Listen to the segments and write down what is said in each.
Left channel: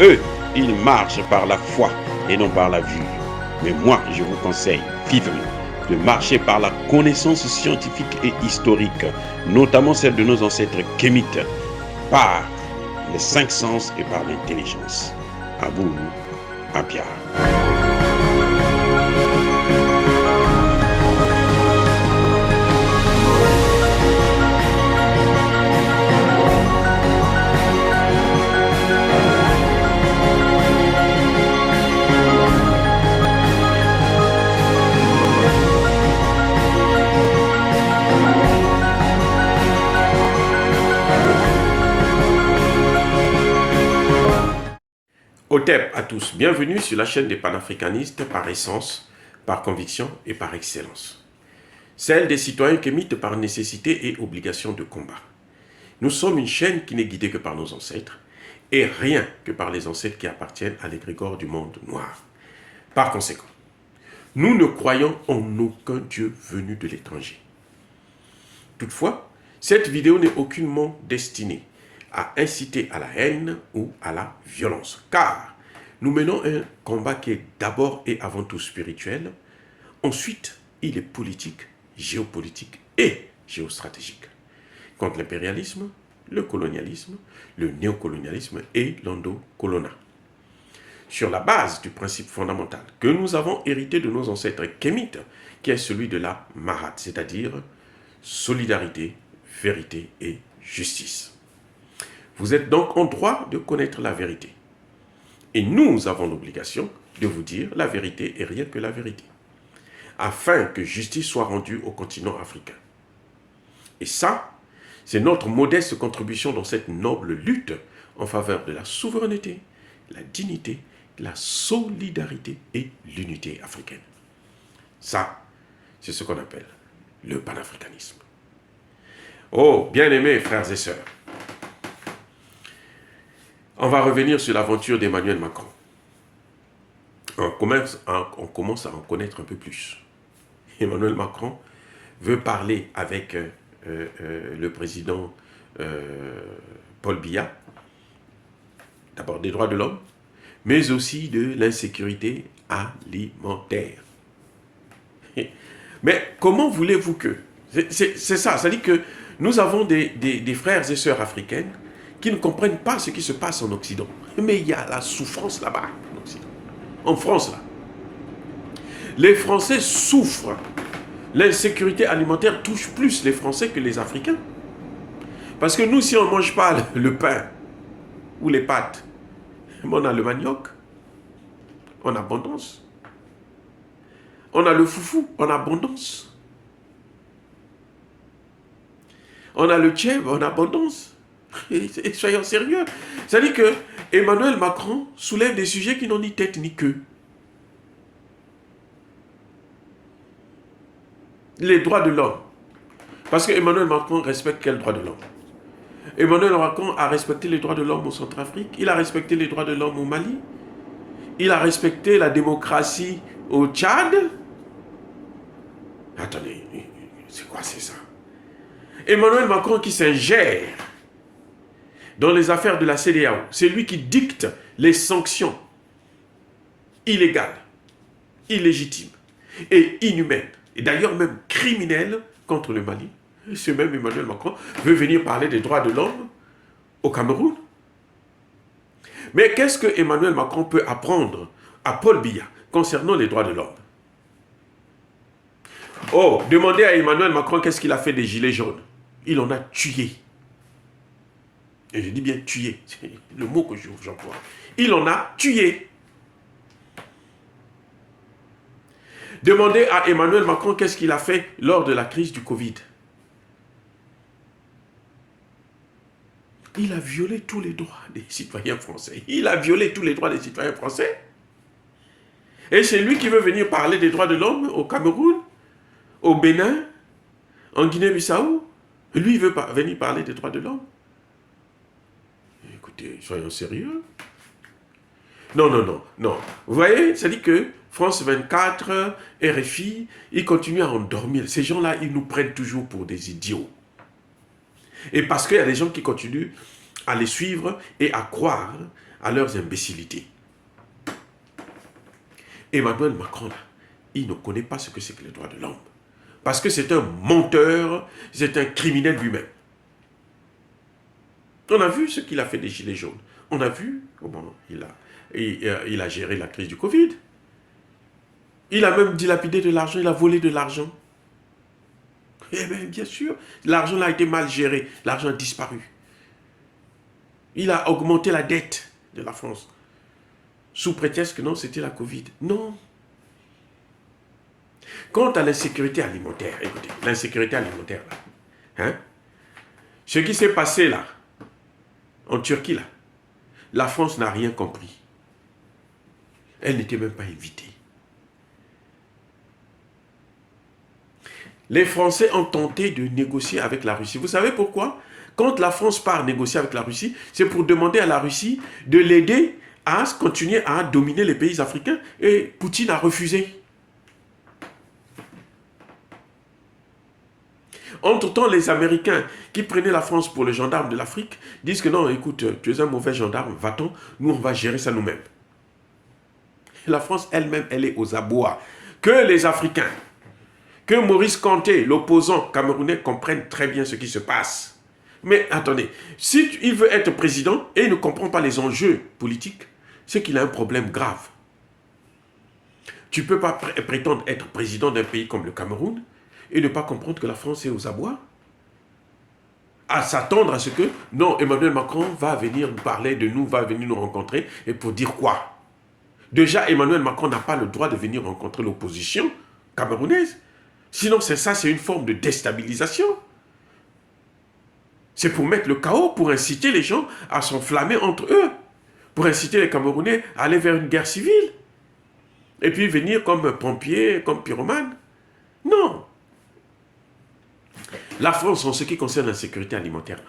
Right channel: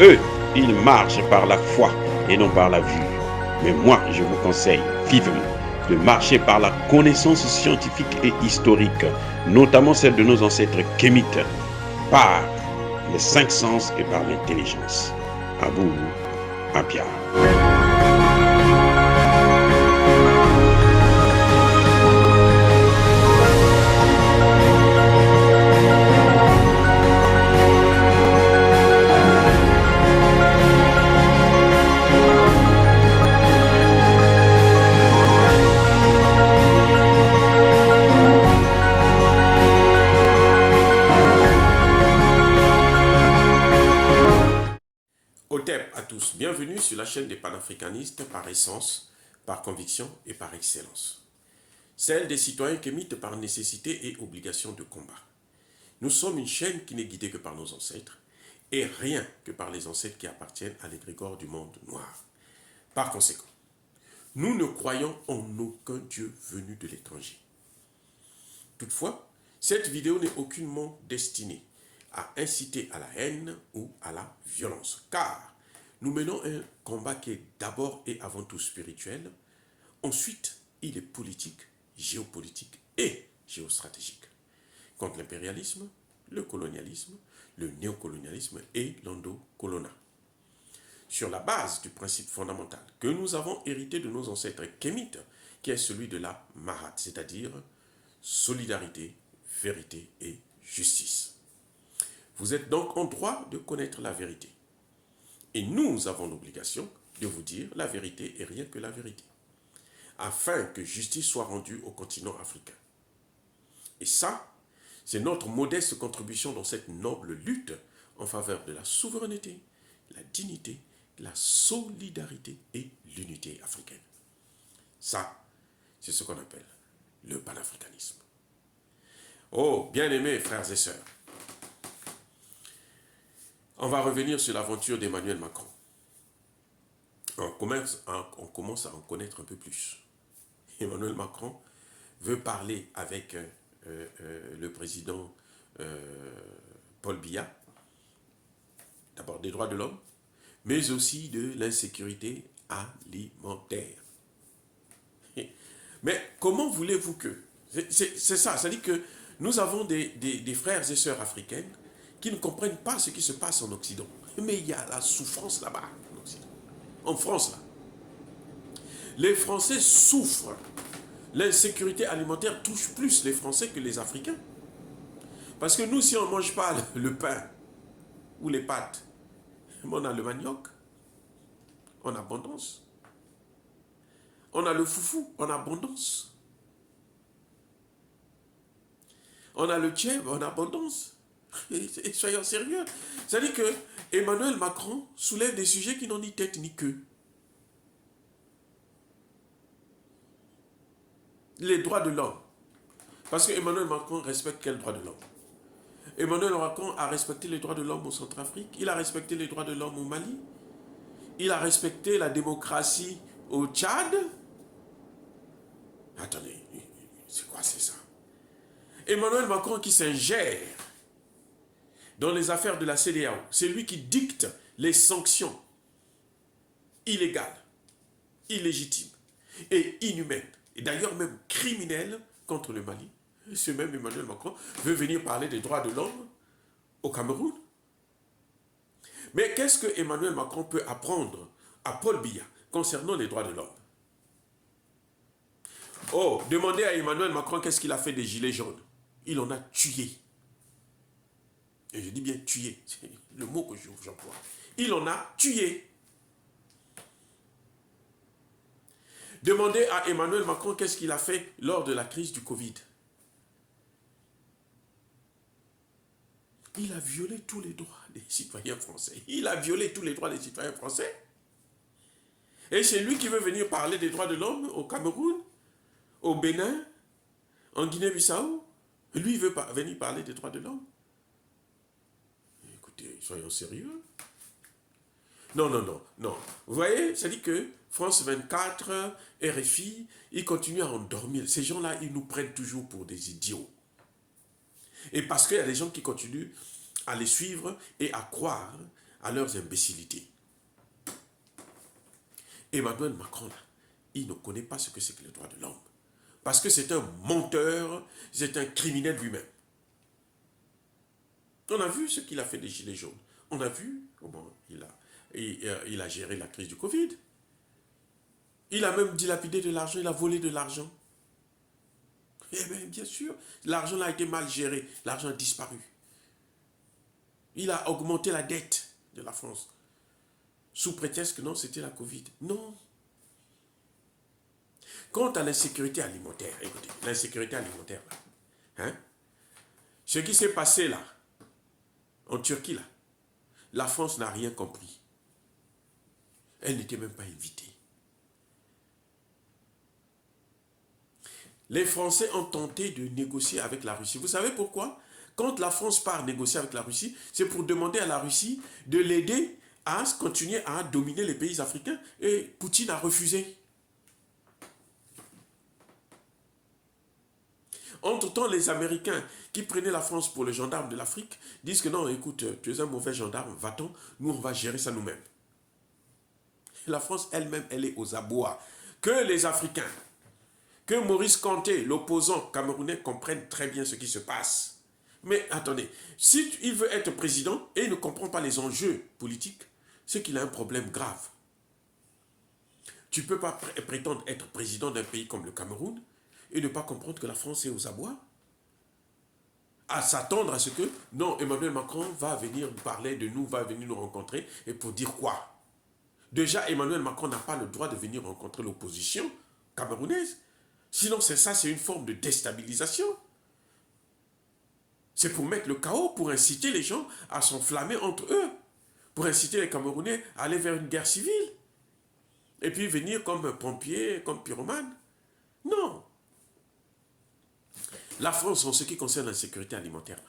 Eux, ils marchent par la foi et non par la vue. Mais moi, je vous conseille vivement de marcher par la connaissance scientifique et historique, notamment celle de nos ancêtres kémites, par les cinq sens et par l'intelligence. À vous, à Pierre. Otep à tous, bienvenue sur la chaîne des panafricanistes par essence, par conviction et par excellence. Celle des citoyens kémites par nécessité et obligation de combat. Nous sommes une chaîne qui n'est guidée que par nos ancêtres et rien que par les ancêtres qui appartiennent à l'égrégore du monde noir. Par conséquent, nous ne croyons en aucun Dieu venu de l'étranger. Toutefois, cette vidéo n'est aucunement destinée à inciter à la haine ou à la violence, car nous menons un combat qui est d'abord et avant tout spirituel, ensuite il est politique, géopolitique et géostratégique, contre l'impérialisme, le colonialisme, le néocolonialisme et l'endocolonat. Sur la base du principe fondamental que nous avons hérité de nos ancêtres kémites, qui est celui de la Mahat, c'est-à-dire solidarité, vérité et justice. Vous êtes donc en droit de connaître la vérité. Et nous avons l'obligation de vous dire la vérité et rien que la vérité, afin que justice soit rendue au continent africain. Et ça, c'est notre modeste contribution dans cette noble lutte en faveur de la souveraineté, la dignité, la solidarité et l'unité africaine. Ça, c'est ce qu'on appelle le panafricanisme. Oh, bien-aimés frères et sœurs, on va revenir sur l'aventure d'Emmanuel Macron. On commence à en connaître un peu plus. Emmanuel Macron veut parler avec le président Paul Biya, d'abord des droits de l'homme, mais aussi de l'insécurité alimentaire. Mais comment voulez-vous que... C'est ça, c'est-à-dire que nous avons des frères et sœurs africaines qui ne comprennent pas ce qui se passe en Occident. Mais il y a la souffrance là-bas, en Occident. En France, là. Les Français souffrent. L'insécurité alimentaire touche plus les Français que les Africains. Parce que nous, si on ne mange pas le pain ou les pâtes, on a le manioc en abondance. On a le foufou en abondance. On a le tchèb en abondance. Et soyons sérieux. C'est-à-dire que Emmanuel Macron soulève des sujets qui n'ont ni tête ni queue. Les droits de l'homme. Parce que Emmanuel Macron respecte quel droit de l'homme? Emmanuel Macron a respecté les droits de l'homme au Centrafrique. Il a respecté les droits de l'homme au Mali. Il a respecté la démocratie au Tchad. Attendez, c'est quoi c'est ça? Emmanuel Macron qui s'ingère dans les affaires de la CEDEAO, c'est lui qui dicte les sanctions illégales, illégitimes et inhumaines, et d'ailleurs même criminelles contre le Mali. Et ce même Emmanuel Macron veut venir parler des droits de l'homme au Cameroun. Mais qu'est-ce que Emmanuel Macron peut apprendre à Paul Biya concernant les droits de l'homme? Oh, demandez à Emmanuel Macron qu'est-ce qu'il a fait des gilets jaunes. Il en a tué. Et je dis bien tué, c'est le mot que j'emploie. Il en a tué. Demandez à Emmanuel Macron qu'est-ce qu'il a fait lors de la crise du Covid. Il a violé tous les droits des citoyens français. Il a violé tous les droits des citoyens français. Et c'est lui qui veut venir parler des droits de l'homme au Cameroun, au Bénin, en Guinée-Bissau. Lui, il veut venir parler des droits de l'homme. Écoutez, soyons sérieux. Non. Vous voyez, ça dit que France 24, RFI, ils continuent à endormir. Ces gens-là, ils nous prennent toujours pour des idiots. Et parce qu'il y a des gens qui continuent à les suivre et à croire à leurs imbécilités. Emmanuel Macron, là, il ne connaît pas ce que c'est que les droits de l'homme. Parce que c'est un menteur, c'est un criminel lui-même. On a vu ce qu'il a fait des Gilets jaunes. On a vu comment il a géré la crise du Covid. Il a même dilapidé de l'argent, il a volé de l'argent. Eh bien, bien sûr, l'argent a été mal géré, l'argent a disparu. Il a augmenté la dette de la France. Sous prétexte que non, c'était la Covid. Non. Quant à l'insécurité alimentaire, écoutez, l'insécurité alimentaire, là, hein, ce qui s'est passé là, en Turquie, là, la France n'a rien compris. Elle n'était même pas invitée. Les Français ont tenté de négocier avec la Russie. Vous savez pourquoi? Quand la France part négocier avec la Russie, c'est pour demander à la Russie de l'aider à continuer à dominer les pays africains. Et Poutine a refusé. Entre-temps, les Américains qui prenaient la France pour le gendarme de l'Afrique disent que non, écoute, tu es un mauvais gendarme, va-t'en, nous on va gérer ça nous-mêmes. La France elle-même, elle est aux abois. Que les Africains, que Maurice Kanté, l'opposant camerounais, comprennent très bien ce qui se passe. Mais attendez, si il veut être président et il ne comprend pas les enjeux politiques, c'est qu'il a un problème grave. Tu ne peux pas prétendre être président d'un pays comme le Cameroun et ne pas comprendre que la France est aux abois. À s'attendre à ce que, non, Emmanuel Macron va venir nous parler de nous, va venir nous rencontrer, et pour dire quoi? Déjà, Emmanuel Macron n'a pas le droit de venir rencontrer l'opposition camerounaise. Sinon, c'est une forme de déstabilisation. C'est pour mettre le chaos, pour inciter les gens à s'enflammer entre eux, pour inciter les Camerounais à aller vers une guerre civile. Et puis venir comme pompier, comme pyromane. Non. La France, en ce qui concerne la sécurité alimentaire,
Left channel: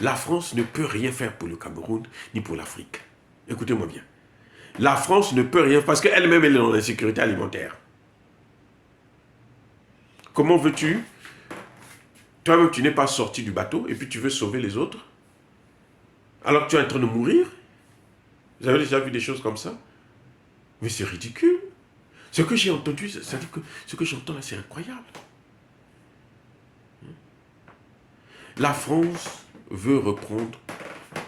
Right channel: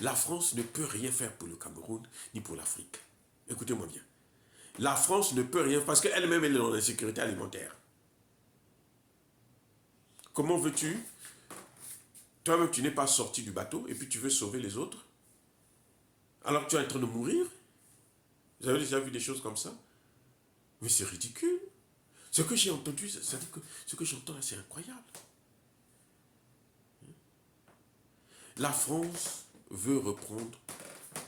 la France ne peut rien faire pour le Cameroun ni pour l'Afrique. Écoutez-moi bien. La France ne peut rien parce qu'elle-même elle est dans l'insécurité alimentaire. Comment veux-tu? Toi-même, tu n'es pas sorti du bateau et puis tu veux sauver les autres alors que tu es en train de mourir? Vous avez déjà vu des choses comme ça? Mais c'est ridicule. Ce que j'ai entendu, ça dit que ce que j'entends là, c'est incroyable. La France veut reprendre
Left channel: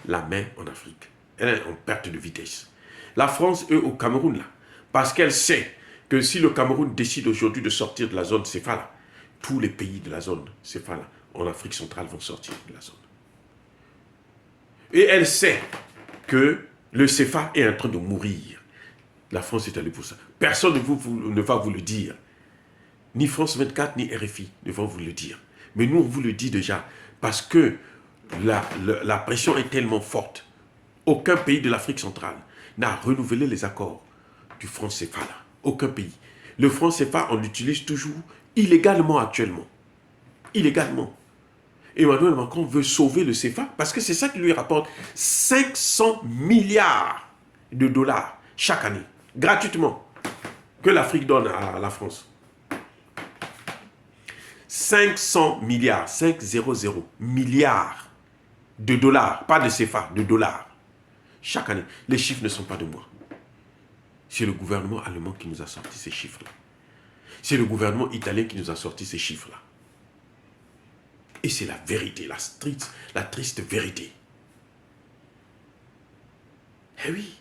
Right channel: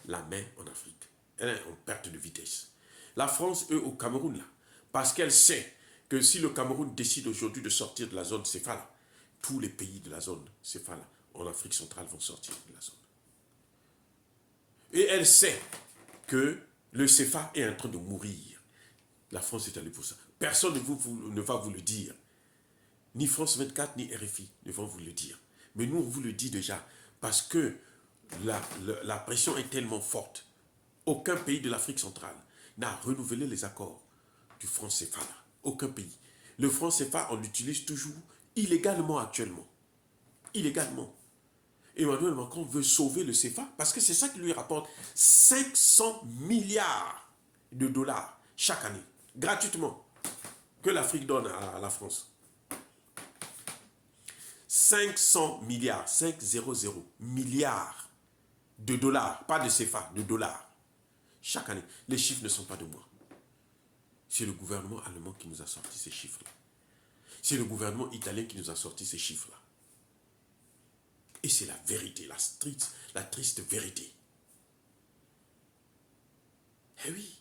la main en Afrique. Elle est en perte de vitesse. La France, eux, au Cameroun, là, parce qu'elle sait que si le Cameroun décide aujourd'hui de sortir de la zone CFA, tous les pays de la zone CFA en Afrique centrale vont sortir de la zone. Et elle sait que le CFA est en train de mourir. La France est allée pour ça. Personne ne va vous le dire. Ni France 24, ni RFI ne vont vous le dire. Mais nous, on vous le dit déjà. Parce que la pression est tellement forte. Aucun pays de l'Afrique centrale n'a renouvelé les accords du franc CFA. Aucun pays. Le franc CFA, on l'utilise toujours illégalement actuellement. Illégalement. Emmanuel Macron veut sauver le CFA parce que c'est ça qui lui rapporte 500 milliards de dollars chaque année, gratuitement, que l'Afrique donne à la France. 500 milliards, 500 milliards de dollars, pas de CFA, de dollars, chaque année. Les chiffres ne sont pas de moi. C'est le gouvernement allemand qui nous a sorti ces chiffres-là. C'est le gouvernement italien qui nous a sorti ces chiffres-là. Et c'est la vérité, la triste vérité. Eh oui.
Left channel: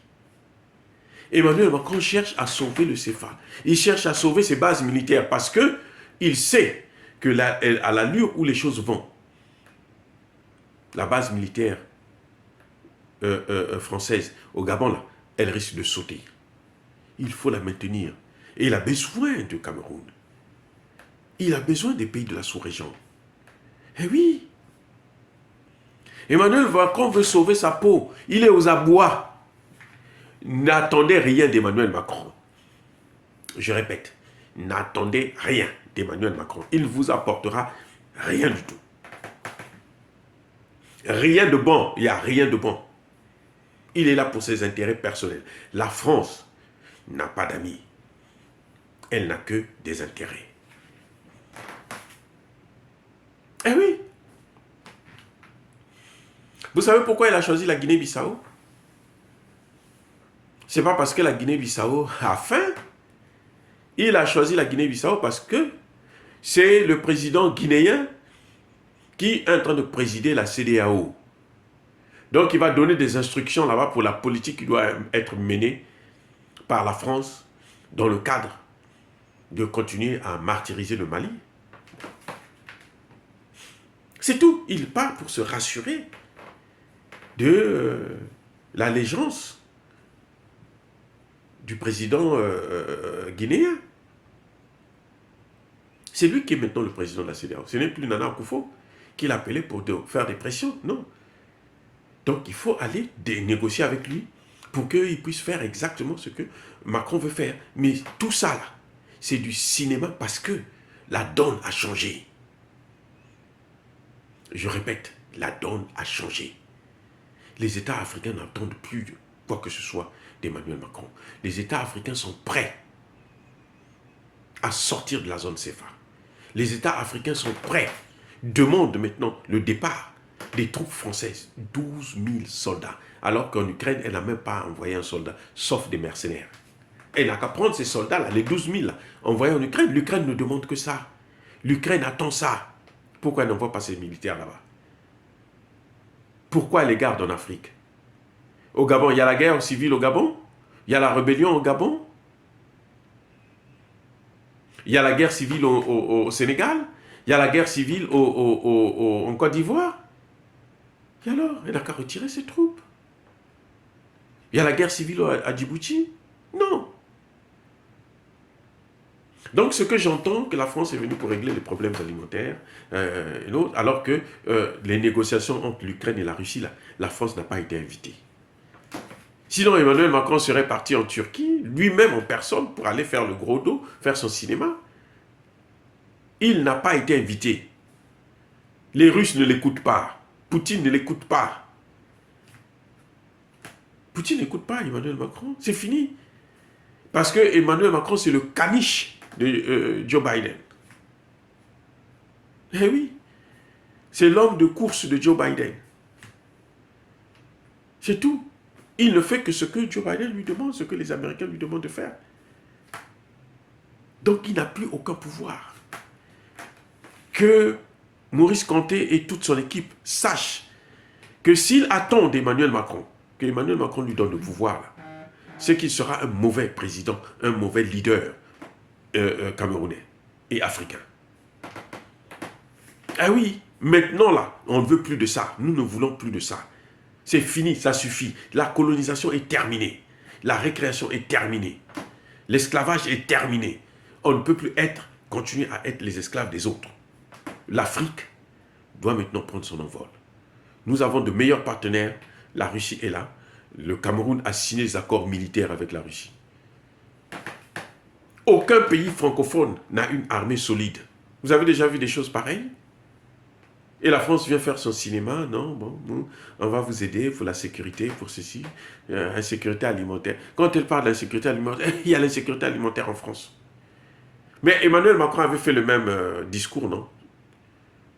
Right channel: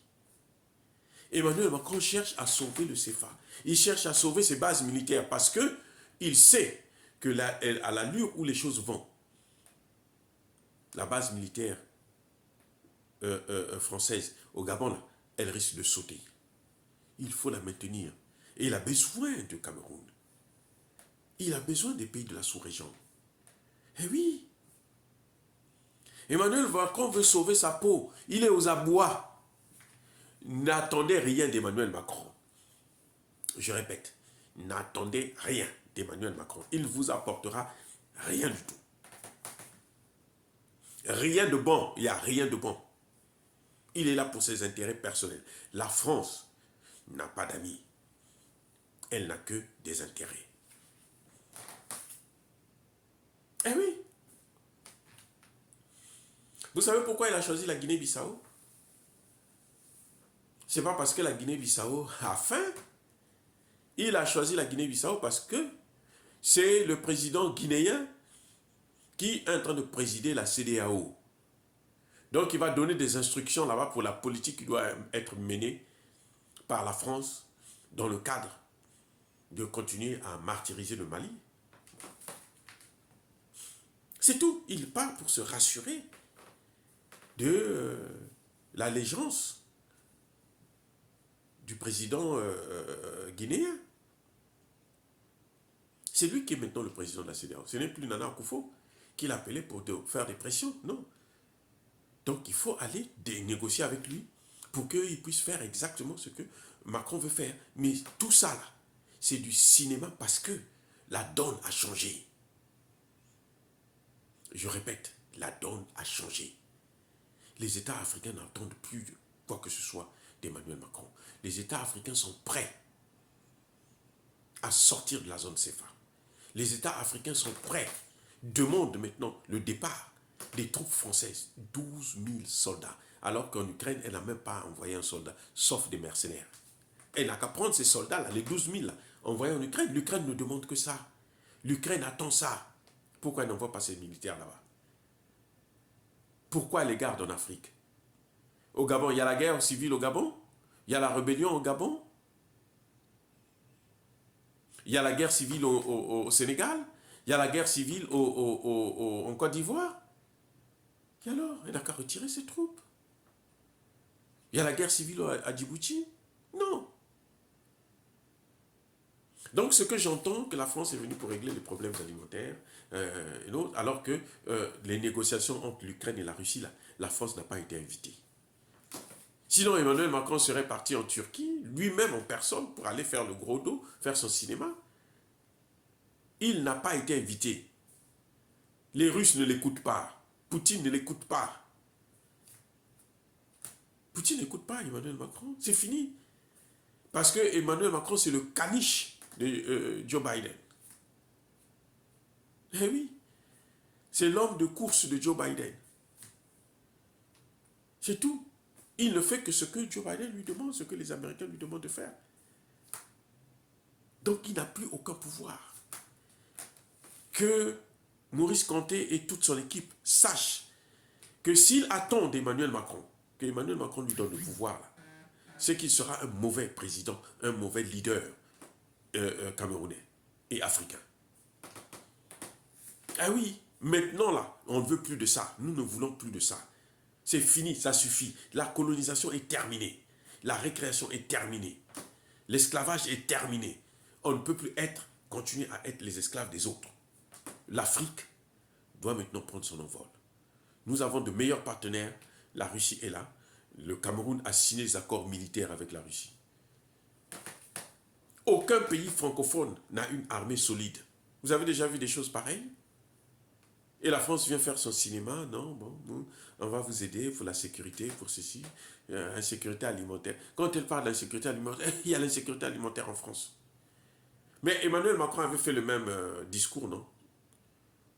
Emmanuel Macron cherche à sauver le CFA. Il cherche à sauver ses bases militaires parce qu'il sait que à l'allure où les choses vont, la base militaire française au Gabon, là, elle risque de sauter. Il faut la maintenir. Et il a besoin du Cameroun. Il a besoin des pays de la sous-région. Eh oui. Emmanuel Macron veut sauver sa peau. Il est aux abois. N'attendez rien d'Emmanuel Macron. Je répète, n'attendez rien d'Emmanuel Macron. Il ne vous apportera rien du tout. Rien de bon. Il n'y a rien de bon. Il est là pour ses intérêts personnels. La France n'a pas d'amis. Elle n'a que des intérêts. Eh oui. Vous savez pourquoi elle a choisi la Guinée-Bissau? c'est pas parce que la Guinée-Bissau a faim. Il a choisi la Guinée-Bissau parce que c'est le président guinéen qui est en train de présider la CEDEAO. Donc il va donner des instructions là-bas pour la politique qui doit être menée par la France dans le cadre de continuer à martyriser le Mali. C'est tout. Il part pour se rassurer de l'allégeance du président guinéen. C'est lui qui est maintenant le président de la CEDEAO. Ce n'est plus Nana Akufo qui l'a appelé pour faire des pressions. Non. Donc il faut aller négocier avec lui pour qu'il puisse faire exactement ce que Macron veut faire. Mais tout ça, là, c'est du cinéma parce que la donne a changé. Je répète, la donne a changé. Les États africains n'entendent plus quoi que ce soit d'Emmanuel Macron. Les États africains sont prêts à sortir de la zone CFA. Les États africains sont prêts, demandent maintenant le départ des troupes françaises. 12 000 soldats. Alors qu'en Ukraine, elle n'a même pas envoyé un soldat, sauf des mercenaires. Elle n'a qu'à prendre ces soldats-là, les 12 000, envoyés en Ukraine. L'Ukraine ne demande que ça. L'Ukraine attend ça. Pourquoi elle n'envoie pas ses militaires là-bas? Pourquoi elle les garde en Afrique? Au Gabon, il y a la guerre civile au Gabon? Il y a la rébellion au Gabon? Il y a la guerre civile au Sénégal? Il y a la guerre civile en Côte d'Ivoire? Et alors, elle n'a qu'à retirer ses troupes. Il y a la guerre civile à Djibouti? Non. Donc, ce que j'entends, que la France est venue pour régler les problèmes alimentaires, alors que les négociations entre l'Ukraine et la Russie, la France n'a pas été invitée. Sinon, Emmanuel Macron serait parti en Turquie, lui-même en personne, pour aller faire le gros dos, faire son cinéma. Il n'a pas été invité. Les Russes ne l'écoutent pas. Poutine ne l'écoute pas. Poutine n'écoute pas Emmanuel Macron. C'est fini. Parce que Emmanuel Macron, c'est le caniche de Joe Biden. Eh oui. C'est l'homme de course de Joe Biden. C'est tout. Il ne fait que ce que Joe Biden lui demande, ce que les Américains lui demandent de faire. Donc il n'a plus aucun pouvoir. Que Maurice Kanté et toute son équipe sachent que s'il attend d'Emmanuel Macron, que Emmanuel Macron lui donne le pouvoir, c'est qu'il sera un mauvais président, un mauvais leader camerounais et africain. Ah oui, maintenant là, on ne veut plus de ça. Nous ne voulons plus de ça. C'est fini, ça suffit. La colonisation est terminée. La récréation est terminée. L'esclavage est terminé. On ne peut plus continuer à être les esclaves des autres. L'Afrique doit maintenant prendre son envol. Nous avons de meilleurs partenaires. La Russie est là. Le Cameroun a signé des accords militaires avec la Russie. Aucun pays francophone n'a une armée solide. Vous avez déjà vu des choses pareilles? Et la France vient faire son cinéma. Non, bon, on va vous aider pour la sécurité, pour ceci. Insécurité alimentaire. Quand elle parle d'insécurité alimentaire, il y a l'insécurité alimentaire en France. Mais Emmanuel Macron avait fait le même discours, non?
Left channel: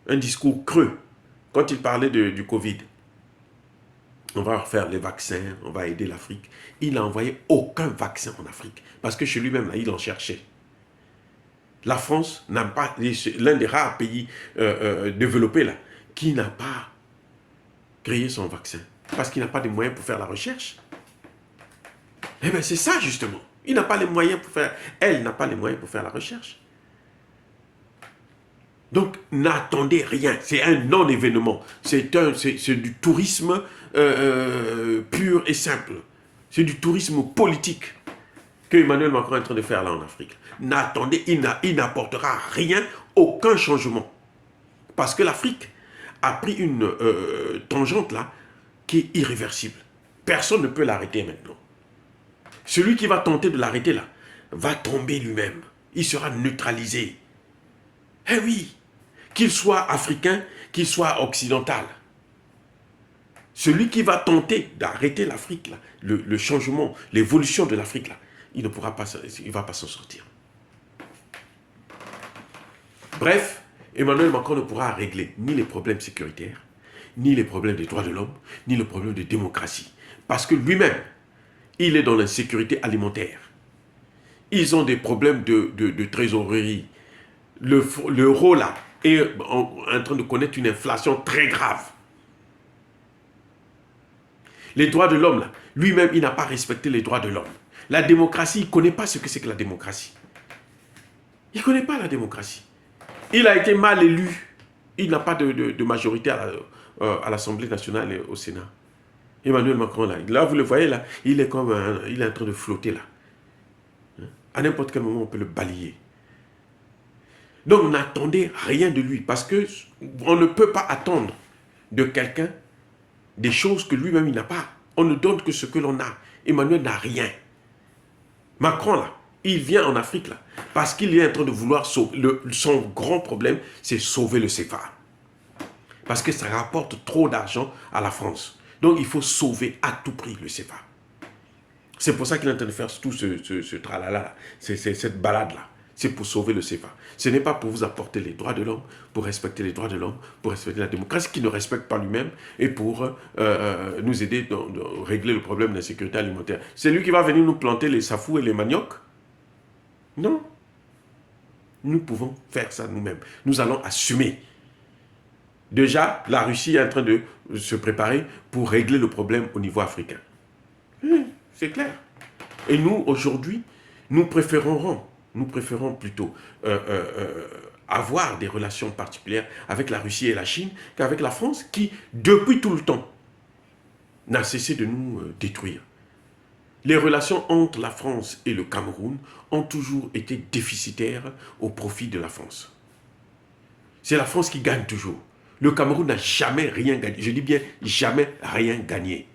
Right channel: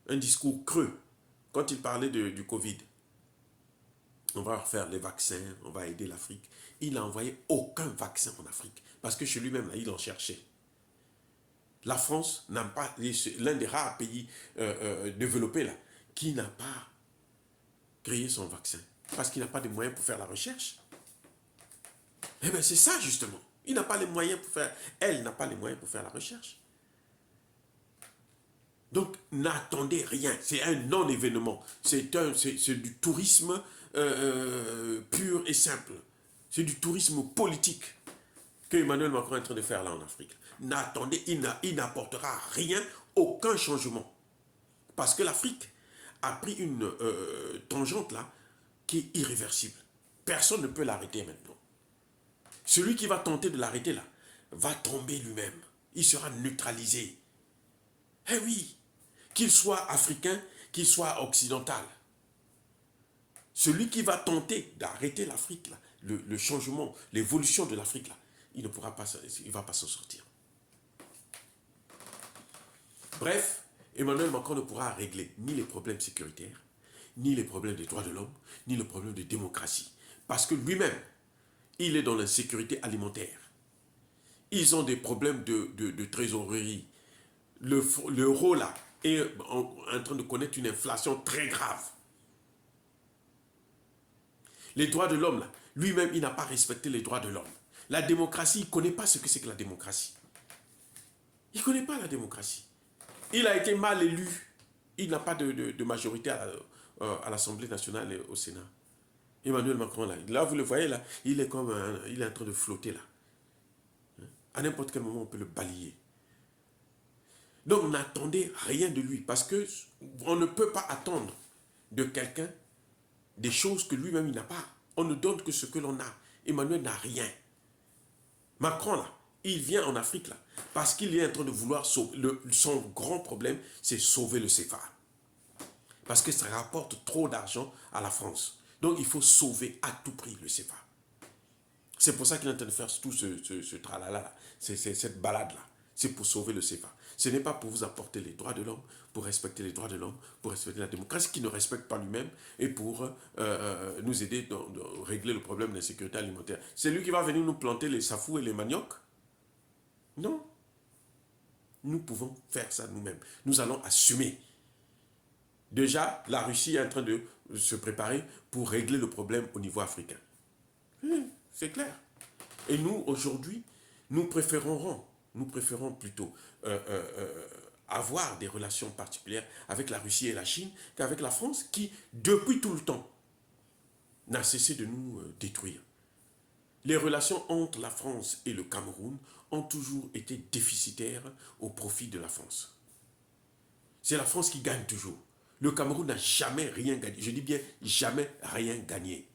Un discours creux. Quand il parlait du Covid. On va faire les vaccins, on va aider l'Afrique. Il n'a envoyé aucun vaccin en Afrique. Parce que chez lui-même, il en cherchait. La France n'a pas, l'un des rares pays développés là, qui n'a pas créé son vaccin. Parce qu'il n'a pas de moyens pour faire la recherche. Eh bien, c'est ça justement. Il n'a pas les moyens pour faire, elle n'a pas les moyens pour faire la recherche. Donc, n'attendez rien. C'est un non-événement. C'est du tourisme pur et simple. C'est du tourisme politique que Emmanuel Macron est en train de faire là en Afrique. N'attendez, il n'apportera rien, aucun changement. Parce que l'Afrique a pris une tangente là qui est irréversible. Personne ne peut l'arrêter maintenant. Celui qui va tenter de l'arrêter là va tomber lui-même. Il sera neutralisé. Eh oui, qu'il soit africain, qu'il soit occidental. Celui qui va tenter d'arrêter l'Afrique, le changement, l'évolution de l'Afrique, il ne pourra pas, il ne va pas s'en sortir. Bref, Emmanuel Macron ne pourra régler ni les problèmes sécuritaires, ni les problèmes des droits de l'homme, ni le problème de démocratie. Parce que lui-même, il est dans l'insécurité alimentaire. Ils ont des problèmes de trésorerie. L'euro là est en train de connaître une inflation très grave. Les droits de l'homme là, lui-même il n'a pas respecté les droits de l'homme. La démocratie, il ne connaît pas ce que c'est que la démocratie. Il ne connaît pas la démocratie. Il a été mal élu. Il n'a pas de majorité à l'Assemblée nationale et au Sénat. Emmanuel Macron, là, vous le voyez, là, il est en train de flotter, là. À n'importe quel moment, on peut le balayer. Donc, n'attendez rien de lui, parce qu'on ne peut pas attendre de quelqu'un des choses que lui-même, il n'a pas. On ne donne que ce que l'on a. Emmanuel n'a rien. Macron, là, il vient en Afrique, là, parce qu'il est en train de vouloir sauver. Son grand problème, c'est sauver le CFA. Parce que ça rapporte trop d'argent à la France. Donc, il faut sauver à tout prix le CFA. C'est pour ça qu'il est en train de faire tout ce tralala, cette balade-là. C'est pour sauver le CFA. Ce n'est pas pour vous apporter les droits de l'homme, pour respecter les droits de l'homme, pour respecter la démocratie qui ne respecte pas lui-même et pour nous aider à régler le problème de la sécurité alimentaire. C'est lui qui va venir nous planter les safous et les maniocs? Non. Nous pouvons faire ça nous-mêmes. Nous allons assumer. Déjà, la Russie est en train de se préparer pour régler le problème au niveau africain. C'est clair. Et nous, aujourd'hui, nous préférons plutôt avoir des relations particulières avec la Russie et la Chine qu'avec la France qui, depuis tout le temps, n'a cessé de nous détruire. Les relations entre la France et le Cameroun ont toujours été déficitaires au profit de la France. C'est la France qui gagne toujours. Le Cameroun n'a jamais rien gagné. Je dis bien jamais rien gagné.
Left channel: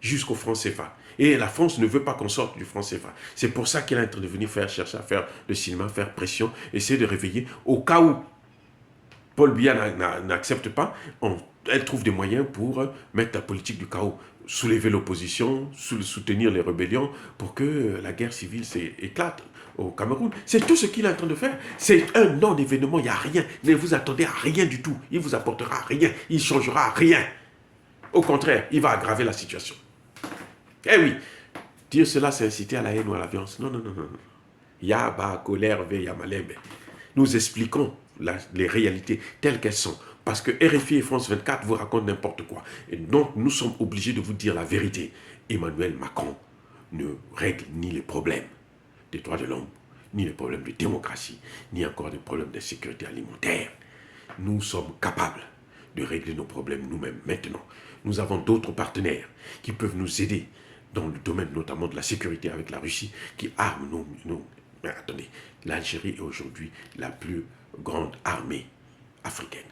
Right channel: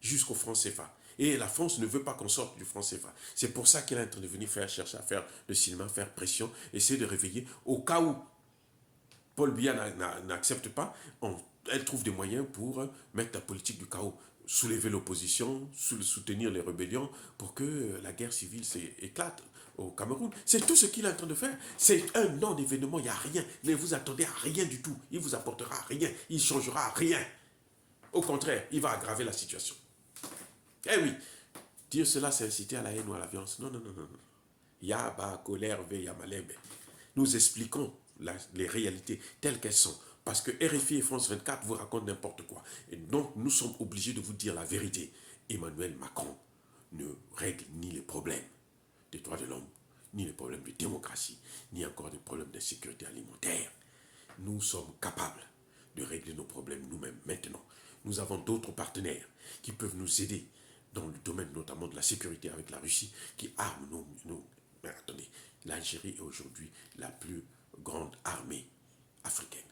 Jusqu'au franc CFA. Et la France ne veut pas qu'on sorte du franc CFA. C'est pour ça qu'elle est en train de venir chercher à faire le cinéma, faire pression, essayer de réveiller. Au cas où Paul Biya n'accepte pas, elle trouve des moyens pour mettre la politique du chaos, soulever l'opposition, soutenir les rébellions pour que la guerre civile éclate au Cameroun. C'est tout ce qu'il est en train de faire. C'est un non-événement, il n'y a rien. Ne vous attendez à rien du tout. Il ne vous apportera rien. Il ne changera rien. Au contraire, il va aggraver la situation. Eh oui, dire cela, c'est inciter à la haine ou à la violence. Non, non, non, non. Yaba, colère, Yamalembe. Nous expliquons les réalités telles qu'elles sont. Parce que RFI et France 24 vous racontent n'importe quoi. Et donc, nous sommes obligés de vous dire la vérité. Emmanuel Macron ne règle ni les problèmes des droits de l'homme, ni les problèmes de démocratie, ni encore des problèmes de sécurité alimentaire. Nous sommes capables de régler nos problèmes nous-mêmes maintenant. Nous avons d'autres partenaires qui peuvent nous aider dans le domaine notamment de la sécurité avec la Russie, qui arme nos... Mais attendez, l'Algérie est aujourd'hui la plus grande armée africaine.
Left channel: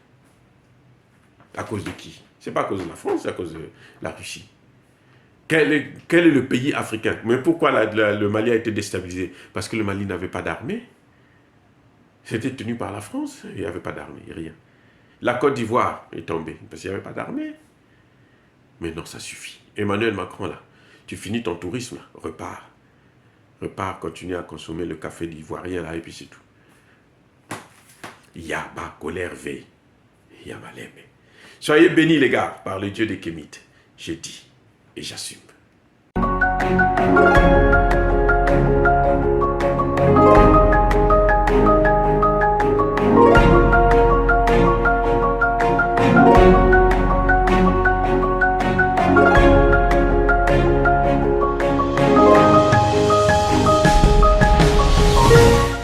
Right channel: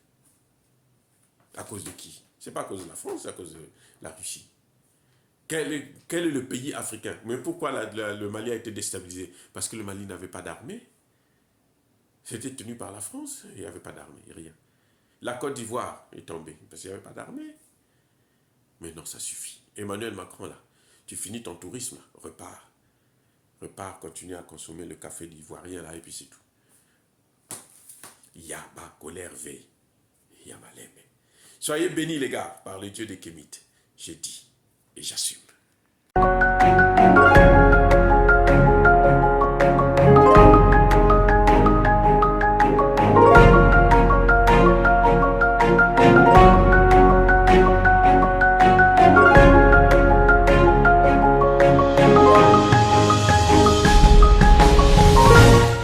À cause de qui? Ce n'est pas à cause de la France, c'est à cause de la Russie. Quel est le pays africain? Mais pourquoi le Mali a été déstabilisé? Parce que le Mali n'avait pas d'armée. C'était tenu par la France, il n'y avait pas d'armée, rien. La Côte d'Ivoire est tombée, parce qu'il n'y avait pas d'armée. Mais non, ça suffit. Emmanuel Macron, là, tu finis ton tourisme, là, repars. Repars, continue à consommer le café d'ivoirien, là, et puis c'est tout. Yaba, colère, veille. Yamaleme. Soyez bénis, les gars, par le Dieu des Kémites. J'ai dit et j'assume.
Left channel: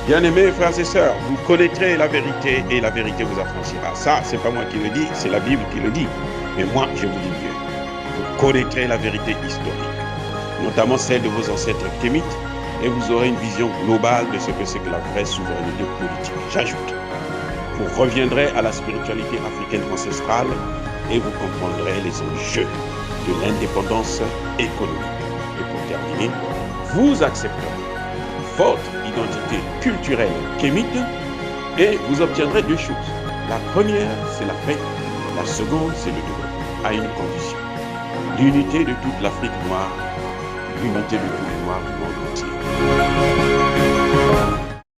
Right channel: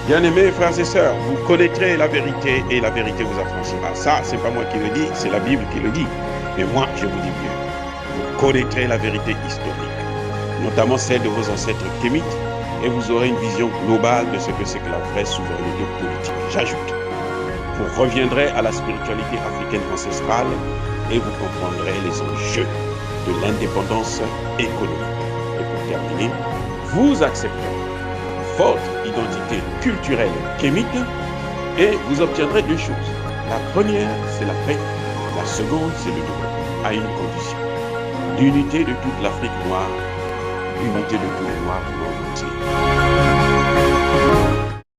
Bien-aimés frères et sœurs, vous connaîtrez la vérité et la vérité vous affranchira. Ça, c'est pas moi qui le dis, c'est la Bible qui le dit. Mais moi, je vous dis mieux. Vous connaîtrez la vérité historique, notamment celle de vos ancêtres kémites, et vous aurez une vision globale de ce que c'est que la vraie souveraineté politique. J'ajoute, vous reviendrez à la spiritualité africaine ancestrale et vous comprendrez les enjeux de l'indépendance économique. Et pour terminer, vous accepterez votre identité culturelle kémite et vous obtiendrez deux choses. La première, c'est la paix. La seconde, c'est le développement, à une condition. L'unité de toute l'Afrique noire, l'unité de tous les Noirs du monde entier.